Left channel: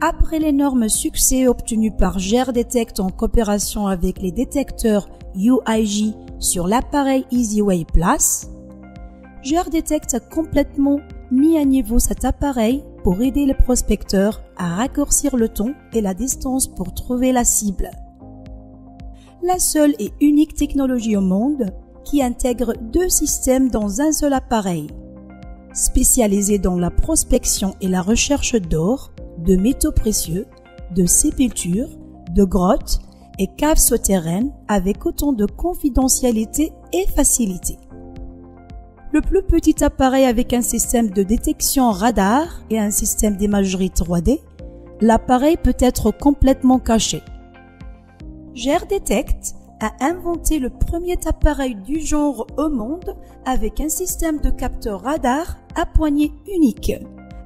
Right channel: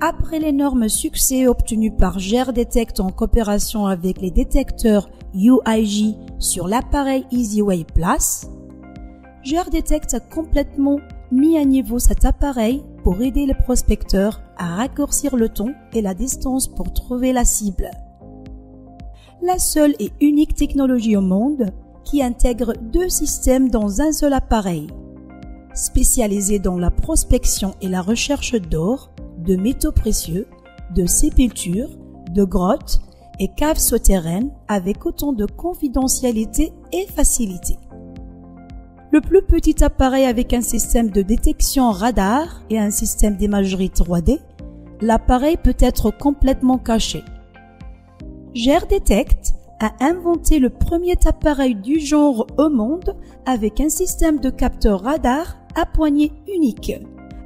Après l'énorme succès obtenu par GearDetect en coopération avec les détecteurs UIJ sur l'appareil EasyWay Plus, GearDetect a complètement mis à niveau cet appareil pour aider les prospecteurs à raccourcir le temps et la distance pour trouver la cible. La seule et unique technologie au monde qui intègre 2 systèmes dans un seul appareil, spécialisé dans la prospection et la recherche d'or, de métaux précieux, de sépultures, de grottes et caves souterraines avec autant de confidentialité et facilité. Le plus petit appareil avec un système de détection radar et un système d'imagerie 3D, l'appareil peut être complètement caché. GearDetect a inventé le premier appareil du genre au monde avec un système de capteur radar à poignée unique.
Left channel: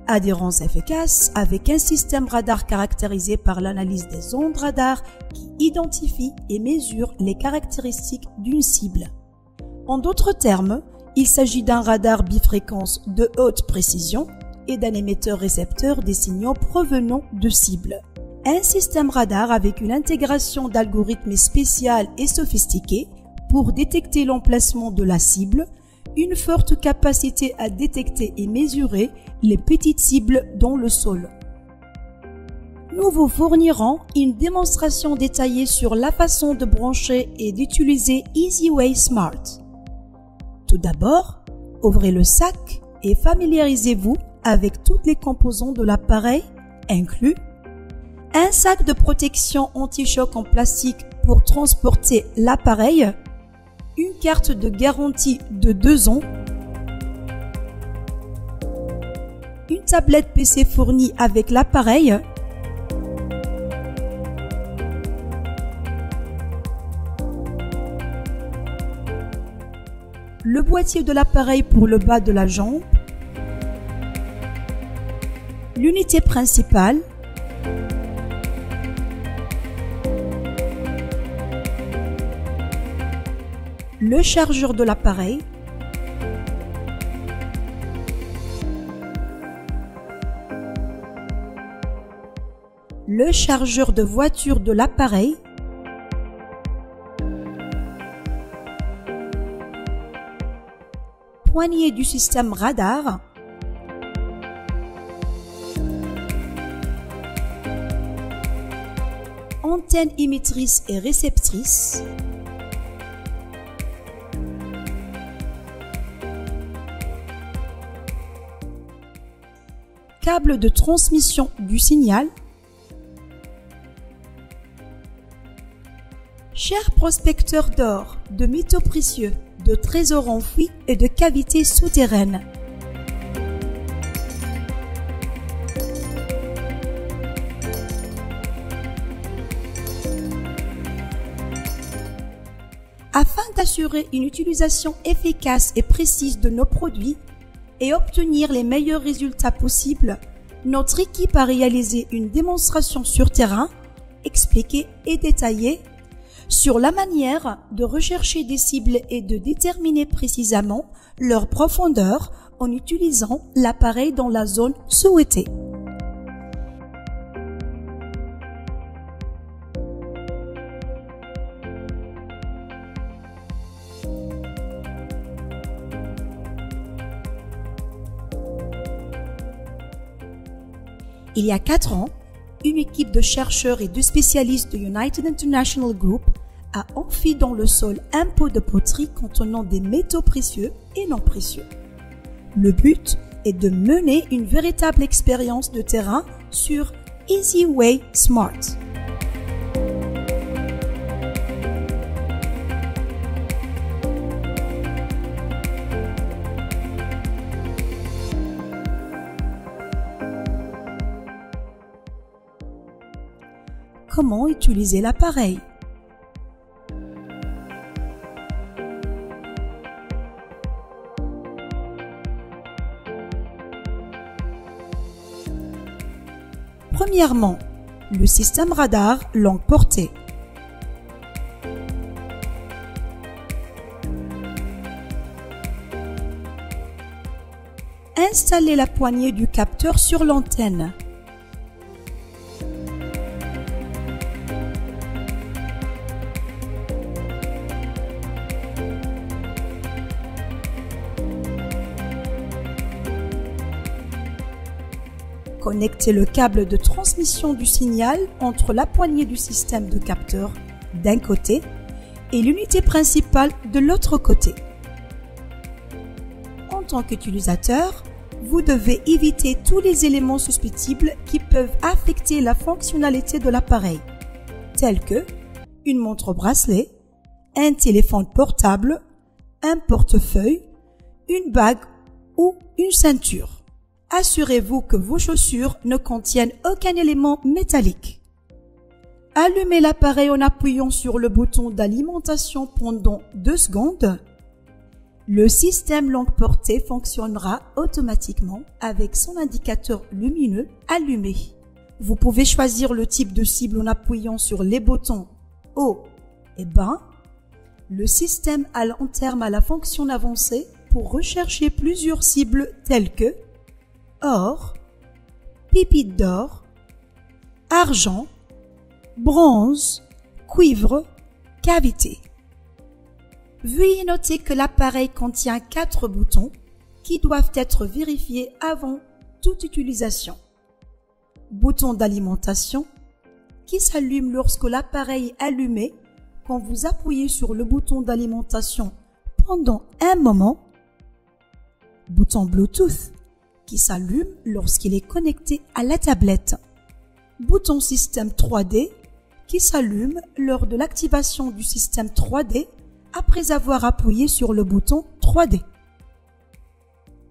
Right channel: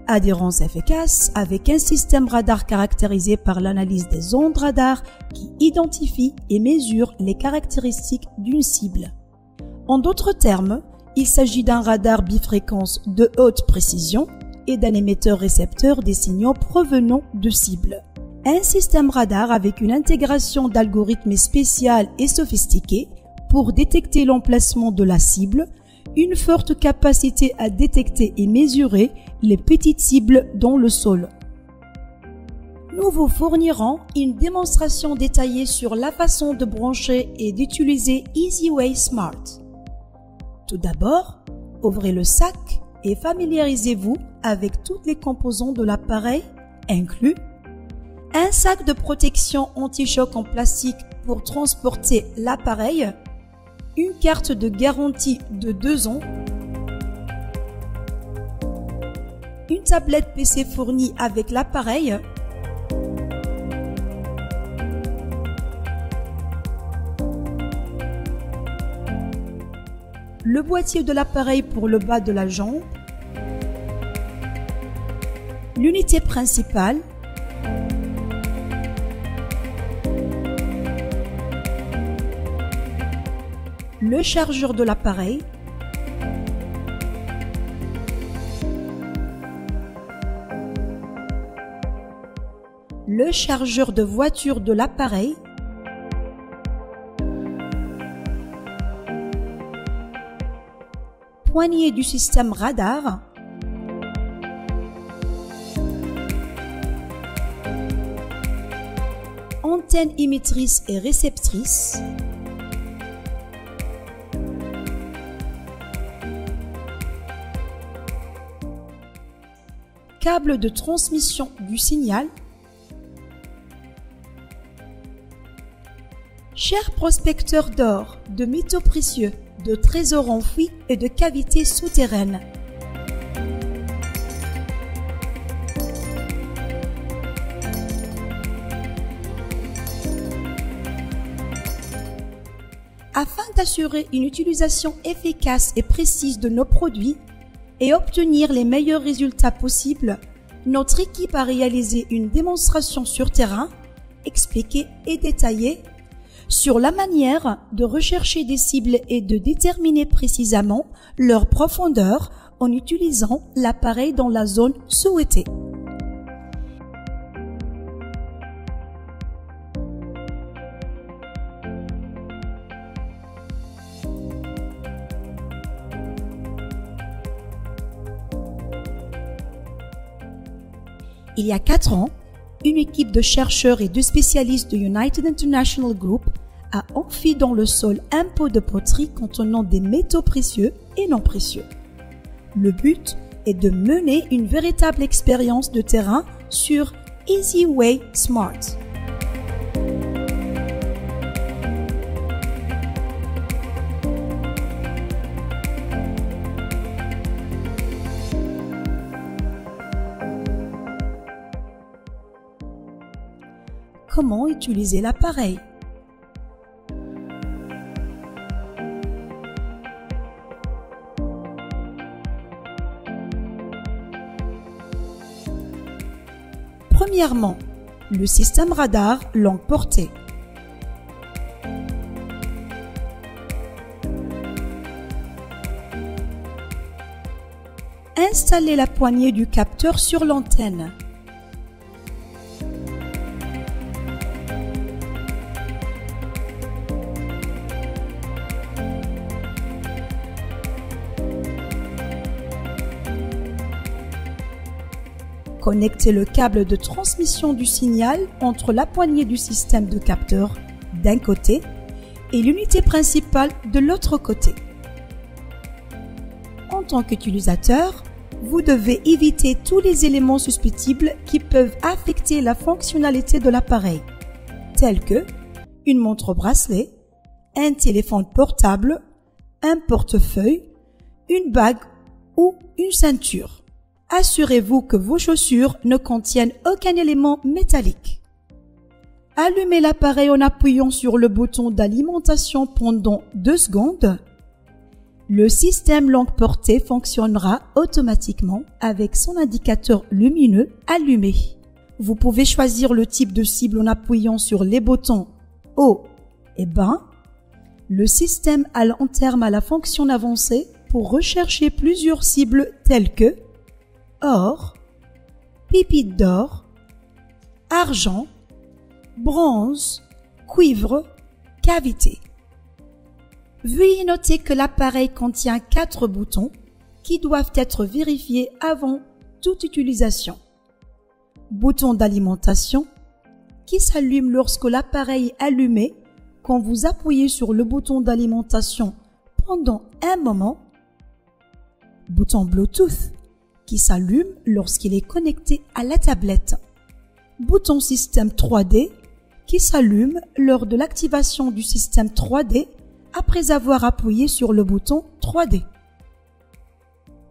Adhérence efficace avec un système radar caractérisé par l'analyse des ondes radar qui identifie et mesure les caractéristiques d'une cible. En d'autres termes, il s'agit d'un radar bifréquence de haute précision et d'un émetteur-récepteur des signaux provenant de cibles. Un système radar avec une intégration d'algorithmes spéciaux et sophistiqués pour détecter l'emplacement de la cible, une forte capacité à détecter et mesurer les petites cibles dans le sol. Nous vous fournirons une démonstration détaillée sur la façon de brancher et d'utiliser EasyWay Smart. Tout d'abord, ouvrez le sac et familiarisez-vous avec toutes les composants de l'appareil, inclus un sac de protection anti-choc en plastique pour transporter l'appareil, une carte de garantie de 2 ans, une tablette PC fournie avec l'appareil, le boîtier de l'appareil pour le bas de la jambe, l'unité principale, le chargeur de l'appareil, le chargeur de voiture de l'appareil, poignée du système radar, antenne émettrice et réceptrice, câble de transmission du signal. Chers prospecteurs d'or, de métaux précieux, de trésors enfouis et de cavités souterraines, afin d'assurer une utilisation efficace et précise de nos produits et obtenir les meilleurs résultats possibles, notre équipe a réalisé une démonstration sur terrain, expliquée et détaillée, sur la manière de rechercher des cibles et de déterminer précisément leur profondeur en utilisant l'appareil dans la zone souhaitée. Il y a 4 ans, une équipe de chercheurs et de spécialistes de United International Group a enfoui dans le sol un pot de poterie contenant des métaux précieux et non précieux. Le but est de mener une véritable expérience de terrain sur EasyWay Smart. Comment utiliser l'appareil? Premièrement, le système radar longue portée. Installez la poignée du capteur sur l'antenne. Connectez le câble de transmission du signal entre la poignée du système de capteur d'un côté et l'unité principale de l'autre côté. En tant qu'utilisateur, vous devez éviter tous les éléments susceptibles qui peuvent affecter la fonctionnalité de l'appareil, tels que une montre bracelet, un téléphone portable, un portefeuille, une bague ou une ceinture. Assurez-vous que vos chaussures ne contiennent aucun élément métallique. Allumez l'appareil en appuyant sur le bouton d'alimentation pendant 2 secondes. Le système longue portée fonctionnera automatiquement avec son indicateur lumineux allumé. Vous pouvez choisir le type de cible en appuyant sur les boutons haut et bas. Le système à long terme a la fonction avancée pour rechercher plusieurs cibles telles que or, pépites d'or, argent, bronze, cuivre, cavité. Veuillez noter que l'appareil contient 4 boutons qui doivent être vérifiés avant toute utilisation. Bouton d'alimentation qui s'allume lorsque l'appareil est allumé quand vous appuyez sur le bouton d'alimentation pendant un moment. Bouton Bluetooth qui s'allume lorsqu'il est connecté à la tablette. Bouton système 3D qui s'allume lors de l'activation du système 3D après avoir appuyé sur le bouton 3D.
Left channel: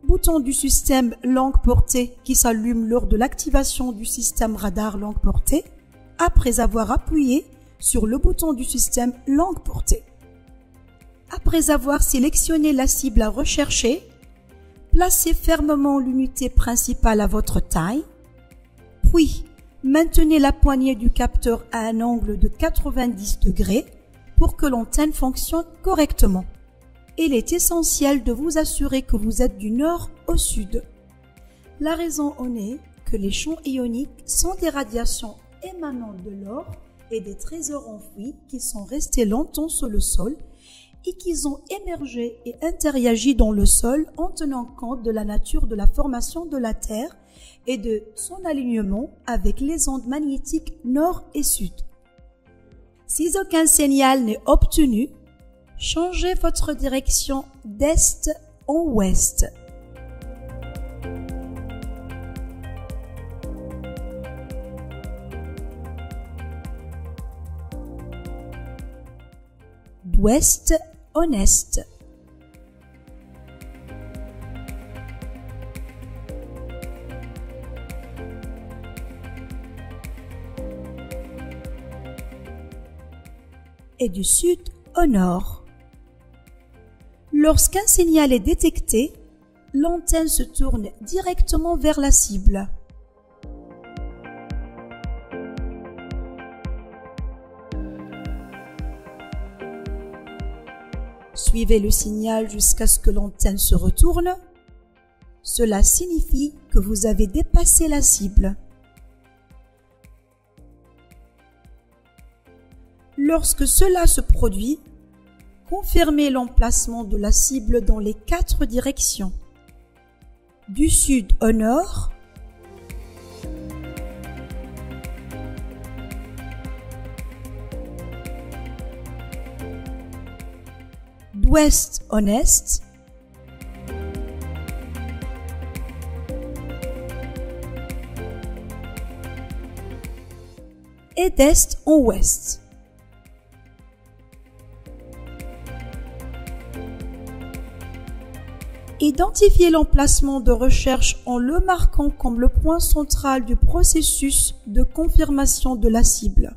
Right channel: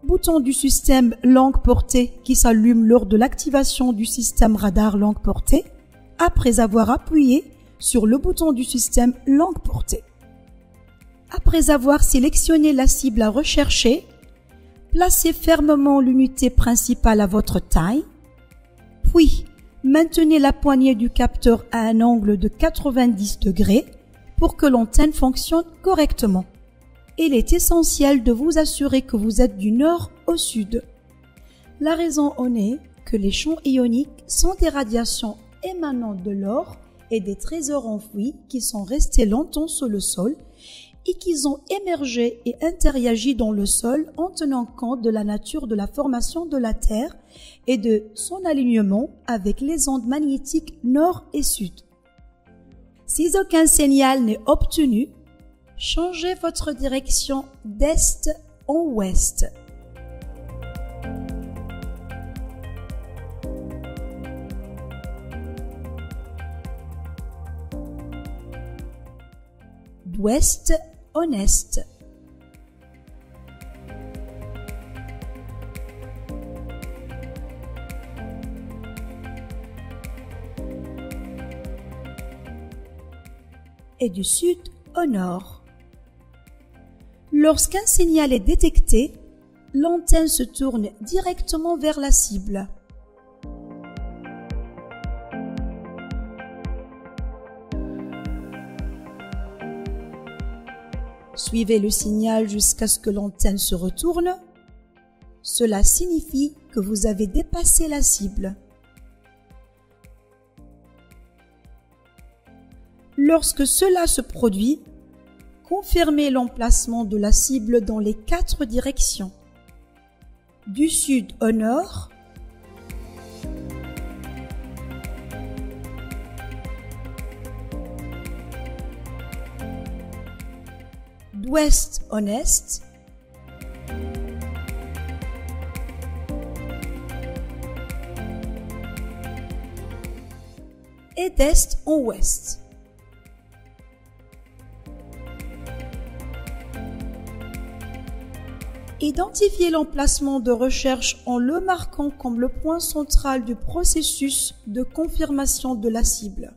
Bouton du système longue portée qui s'allume lors de l'activation du système radar longue portée après avoir appuyé sur le bouton du système longue portée. Après avoir sélectionné la cible à rechercher, placez fermement l'unité principale à votre taille, puis maintenez la poignée du capteur à un angle de 90 degrés pour que l'antenne fonctionne correctement. Il est essentiel de vous assurer que vous êtes du nord au sud. La raison en est que les champs ioniques sont des radiations émanant de l'or et des trésors enfouis qui sont restés longtemps sous le sol et qui ont émergé et interagi dans le sol en tenant compte de la nature de la formation de la Terre et de son alignement avec les ondes magnétiques nord et sud. Si aucun signal n'est obtenu, changez votre direction d'est en ouest. D'ouest en est. Et du sud au nord. Lorsqu'un signal est détecté, l'antenne se tourne directement vers la cible. Suivez le signal jusqu'à ce que l'antenne se retourne. Cela signifie que vous avez dépassé la cible. Lorsque cela se produit, confirmez l'emplacement de la cible dans les 4 directions. Du sud au nord, d'ouest en est, et d'est en ouest. Identifiez l'emplacement de recherche en le marquant comme le point central du processus de confirmation de la cible.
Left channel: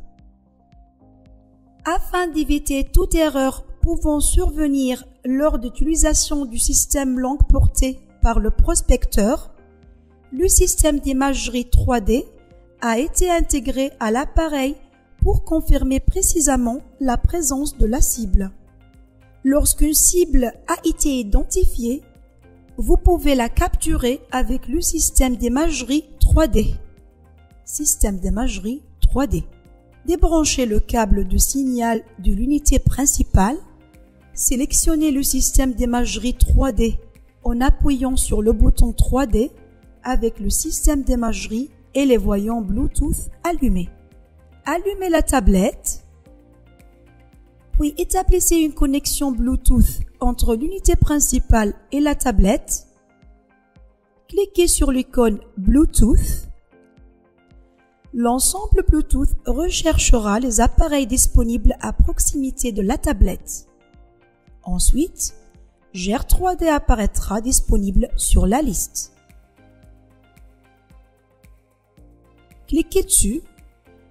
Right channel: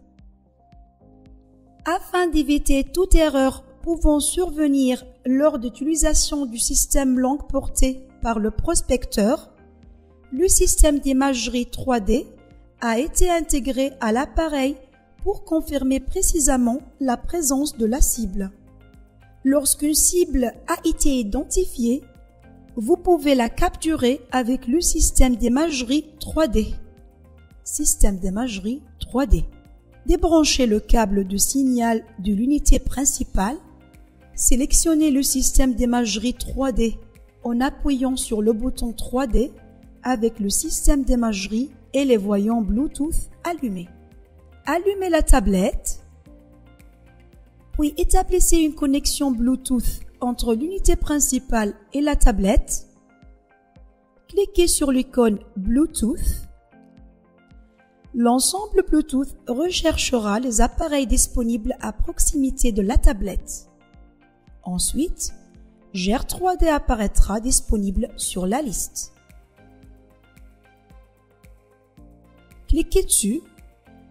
Afin d'éviter toute erreur pouvant survenir lors d'utilisation du système longue portée par le prospecteur, le système d'imagerie 3D a été intégré à l'appareil pour confirmer précisément la présence de la cible. Lorsqu'une cible a été identifiée, vous pouvez la capturer avec le système d'imagerie 3D. Système d'imagerie 3D. Débranchez le câble de signal de l'unité principale. Sélectionnez le système d'imagerie 3D en appuyant sur le bouton 3D avec le système d'imagerie et les voyants Bluetooth allumés. Allumez la tablette, puis établissez une connexion Bluetooth entre l'unité principale et la tablette. Cliquez sur l'icône Bluetooth. L'ensemble Bluetooth recherchera les appareils disponibles à proximité de la tablette. Ensuite, GER 3D apparaîtra disponible sur la liste. Cliquez dessus.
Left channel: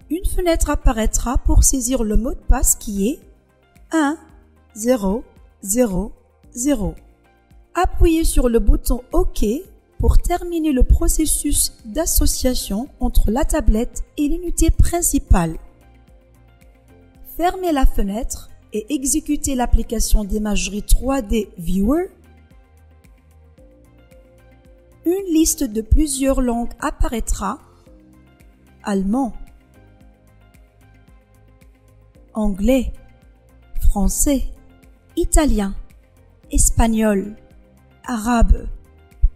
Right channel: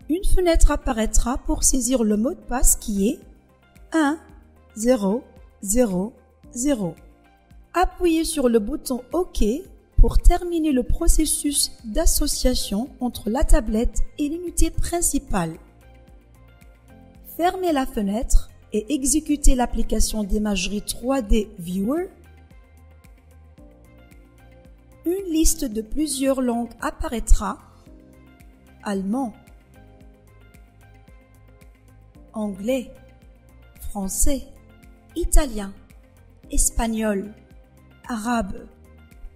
Une fenêtre apparaîtra pour saisir le mot de passe qui est 1 0 0 0. Appuyez sur le bouton OK pour terminer le processus d'association entre la tablette et l'unité principale. Fermez la fenêtre et exécutez l'application d'imagerie 3D Viewer. Une liste de plusieurs langues apparaîtra: allemand, anglais, français, italien, espagnol, arabe,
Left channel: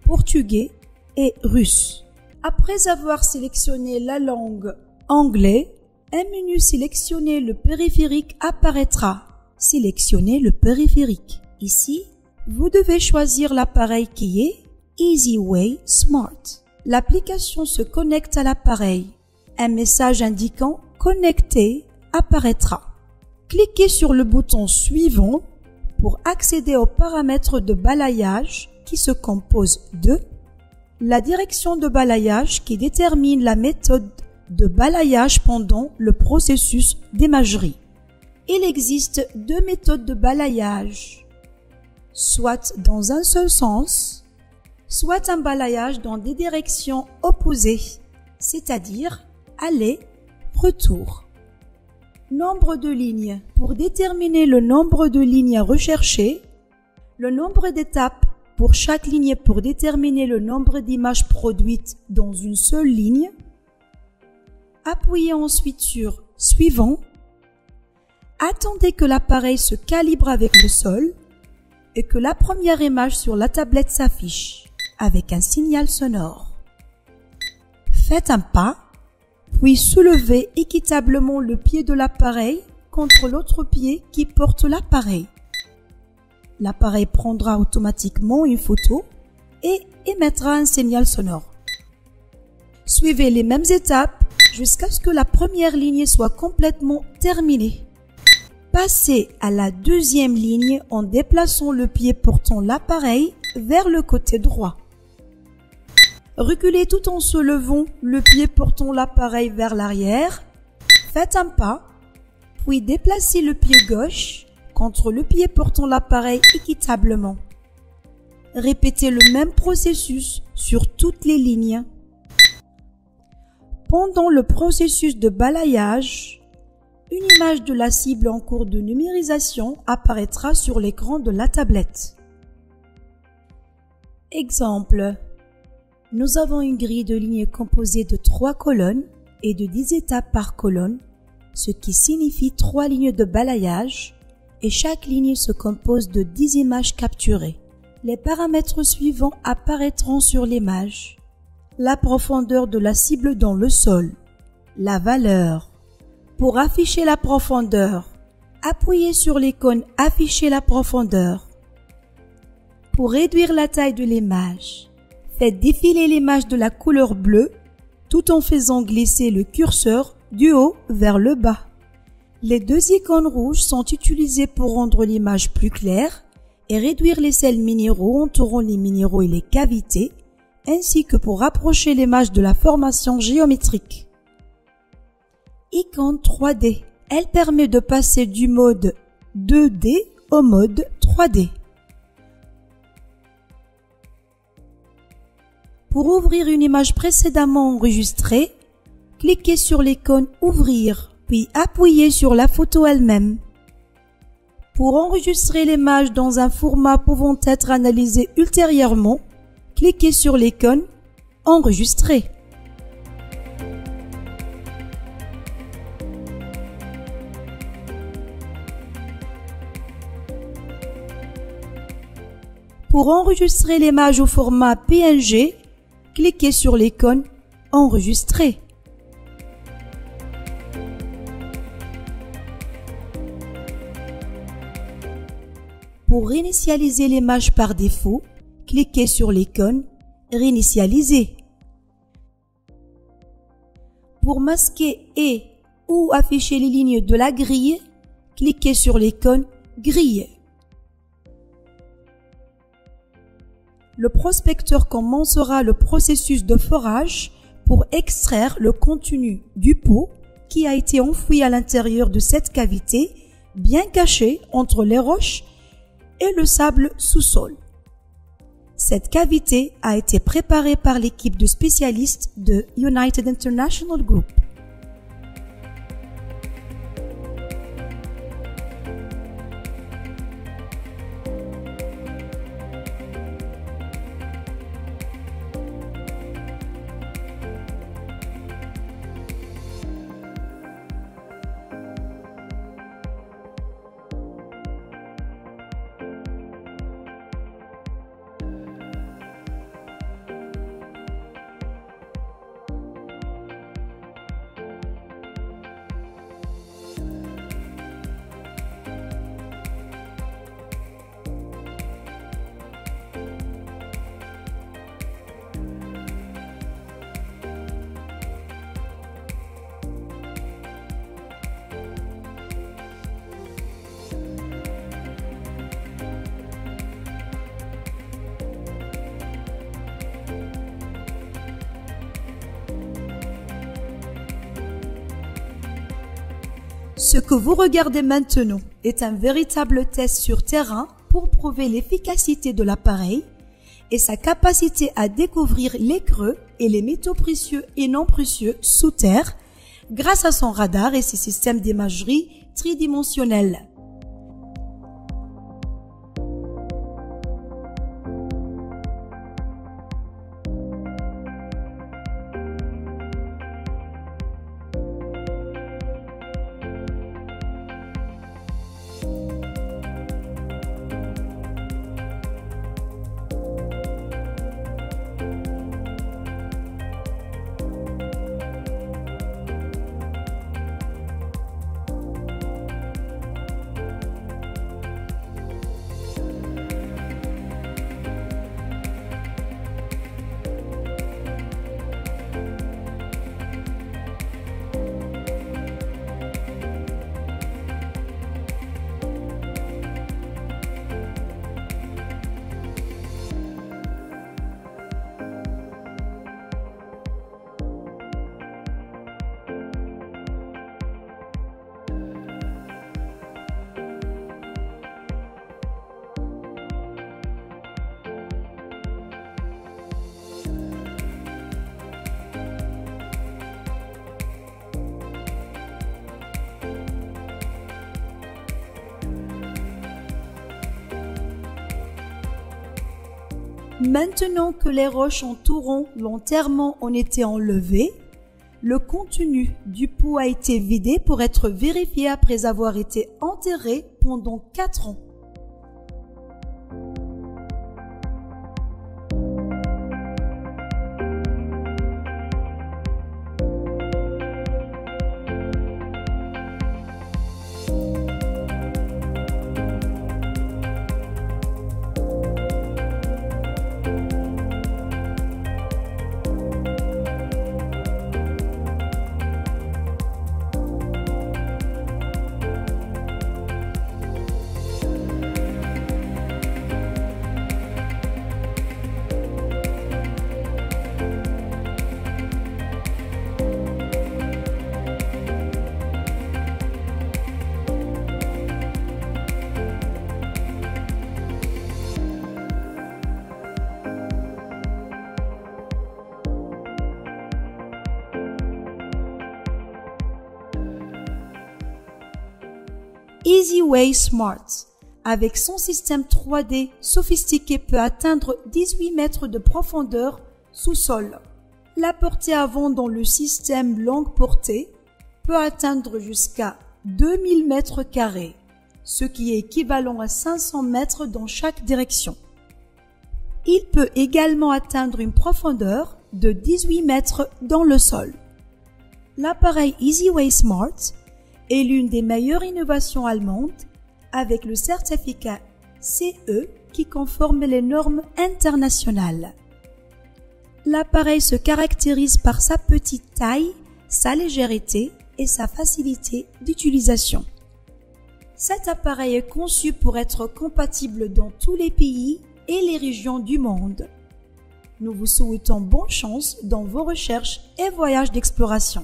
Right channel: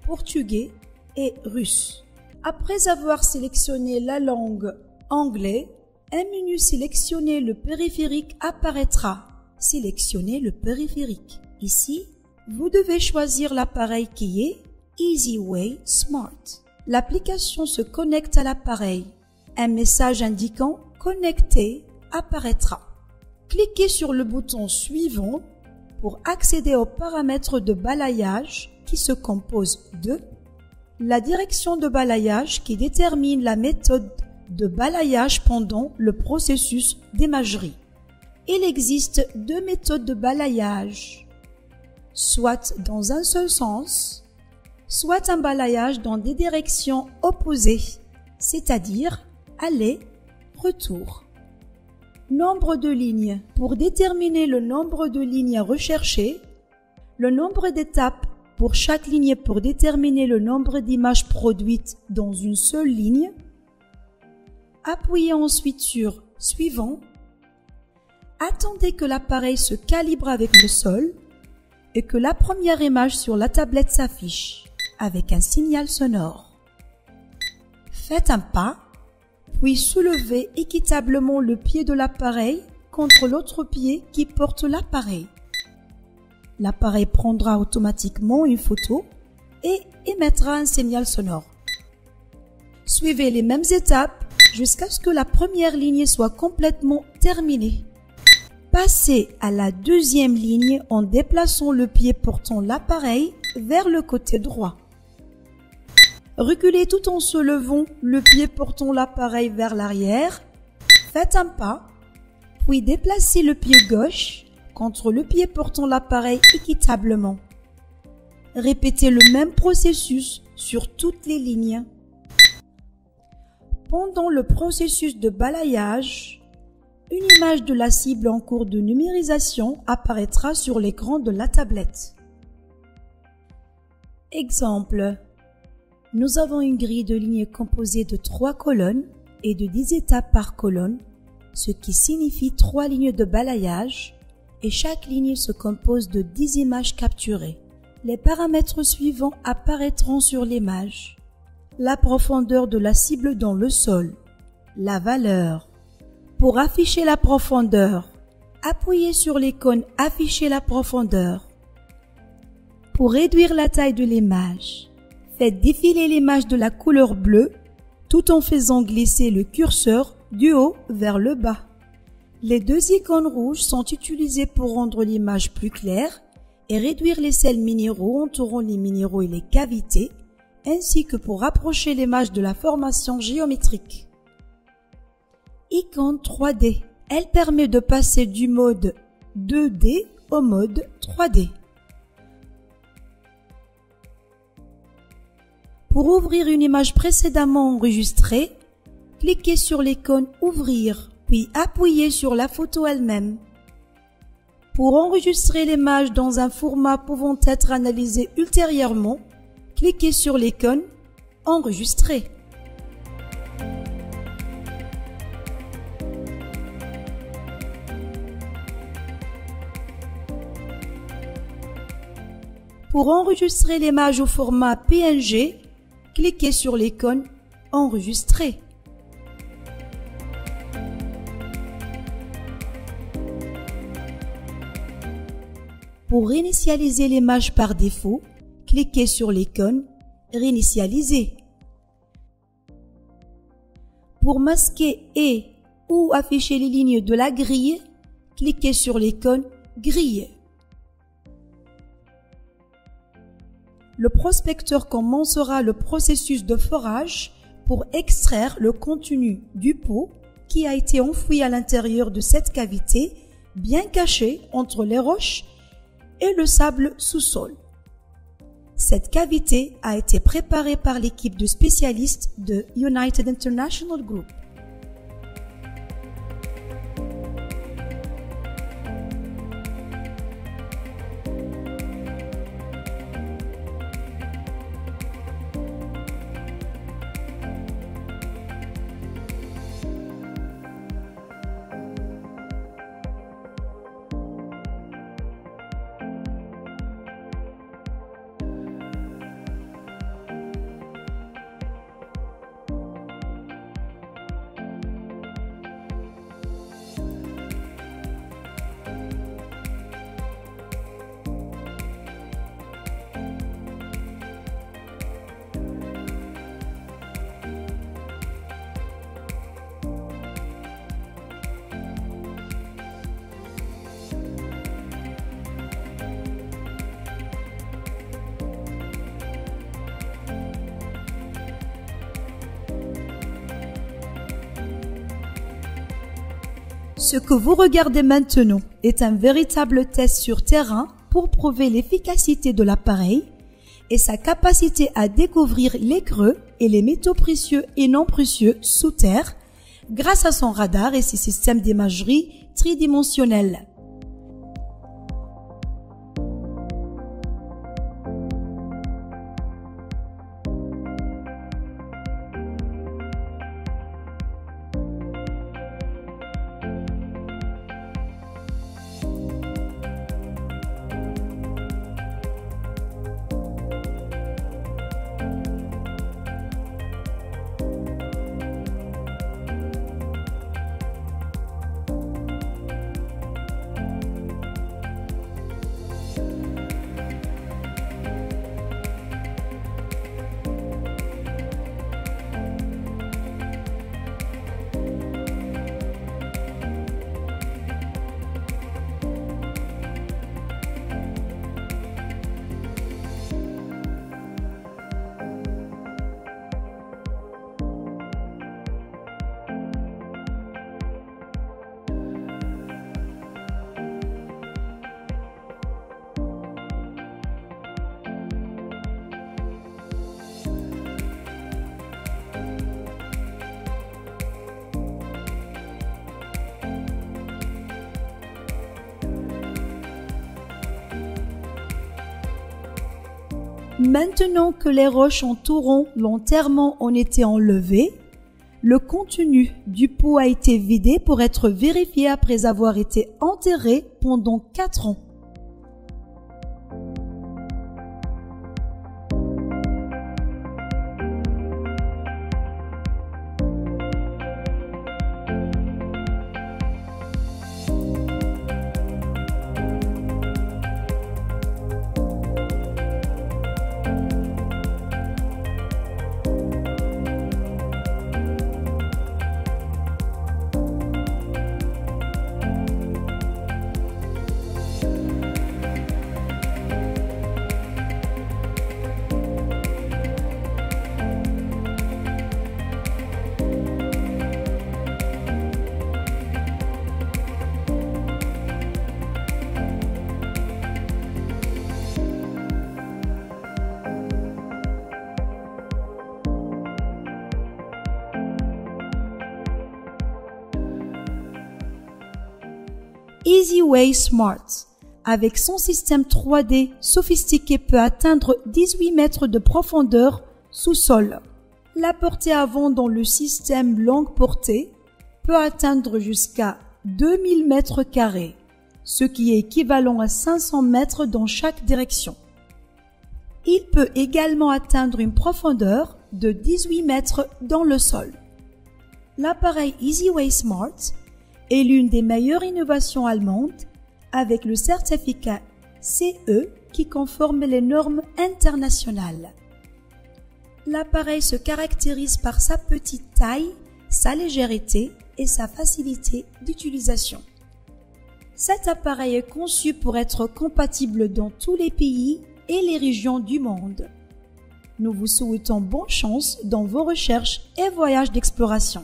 portugais et russe. Après avoir sélectionné la langue anglais, un menu sélectionner le périphérique apparaîtra. Sélectionnez le périphérique. Ici, vous devez choisir l'appareil qui est EasyWay Smart. L'application se connecte à l'appareil. Un message indiquant « Connecté » apparaîtra. Cliquez sur le bouton suivant pour accéder aux paramètres de balayage qui se composent de la direction de balayage qui détermine la méthode de balayage pendant le processus d'imagerie. Il existe deux méthodes de balayage, soit dans un seul sens, soit un balayage dans des directions opposées, c'est-à-dire aller, retour. Nombre de lignes. Pour déterminer le nombre de lignes à rechercher, le nombre d'étapes pour chaque ligne pour déterminer le nombre d'images produites dans une seule ligne, appuyez ensuite sur « Suivant ». Attendez que l'appareil se calibre avec le sol et que la première image sur la tablette s'affiche avec un signal sonore. Faites un pas, puis soulevez équitablement le pied de l'appareil contre l'autre pied qui porte l'appareil. L'appareil prendra automatiquement une photo et émettra un signal sonore. Suivez les mêmes étapes jusqu'à ce que la première ligne soit complètement terminée. Passez à la deuxième ligne en déplaçant le pied portant l'appareil vers le côté droit. Reculez tout en soulevant le pied portant l'appareil vers l'arrière. Faites un pas, puis déplacez le pied gauche contre le pied portant l'appareil équitablement. Répétez le même processus sur toutes les lignes. Pendant le processus de balayage, une image de la cible en cours de numérisation apparaîtra sur l'écran de la tablette. Exemple. Nous avons une grille de lignes composée de 3 colonnes et de 10 étapes par colonne, ce qui signifie 3 lignes de balayage, et chaque ligne se compose de 10 images capturées. Les paramètres suivants apparaîtront sur l'image. La profondeur de la cible dans le sol, la valeur. Pour afficher la profondeur, appuyez sur l'icône « Afficher la profondeur ». Pour réduire la taille de l'image, faites défiler l'image de la couleur bleue tout en faisant glisser le curseur du haut vers le bas. Les deux icônes rouges sont utilisées pour rendre l'image plus claire et réduire les sels minéraux entourant les minéraux et les cavités, ainsi que pour rapprocher l'image de la formation géométrique. Icône 3D. Elle permet de passer du mode 2D au mode 3D. Pour ouvrir une image précédemment enregistrée, cliquez sur l'icône « Ouvrir », puis appuyez sur la photo elle-même. Pour enregistrer l'image dans un format pouvant être analysé ultérieurement, cliquez sur l'icône « Enregistrer ». Pour enregistrer l'image au format PNG, cliquez sur l'icône « Enregistrer ». Pour réinitialiser l'image par défaut, cliquez sur l'icône « Réinitialiser ». Pour masquer et ou afficher les lignes de la grille, cliquez sur l'icône « Grille ». Le prospecteur commencera le processus de forage pour extraire le contenu du pot qui a été enfoui à l'intérieur de cette cavité, bien cachée entre les roches et le sable sous-sol. Cette cavité a été préparée par l'équipe de spécialistes de United International Group. Ce que vous regardez maintenant est un véritable test sur terrain pour prouver l'efficacité de l'appareil et sa capacité à découvrir les creux et les métaux précieux et non précieux sous terre grâce à son radar et ses systèmes d'imagerie tridimensionnelle. Maintenant que les roches entourant l'enterrement ont été enlevées, le contenu du pot a été vidé pour être vérifié après avoir été enterré pendant 4 ans. EasyWay Smart, avec son système 3D sophistiqué, peut atteindre 18 mètres de profondeur sous-sol. La portée avant dans le système longue portée peut atteindre jusqu'à 2000 mètres carrés, ce qui est équivalent à 500 mètres dans chaque direction. Il peut également atteindre une profondeur de 18 mètres dans le sol. L'appareil EasyWay Smart est l'une des meilleures innovations allemandes avec le certificat CE qui conforme les normes internationales. L'appareil se caractérise par sa petite taille, sa légèreté et sa facilité d'utilisation. Cet appareil est conçu pour être compatible dans tous les pays et les régions du monde. Nous vous souhaitons bonne chance dans vos recherches et voyages d'exploration.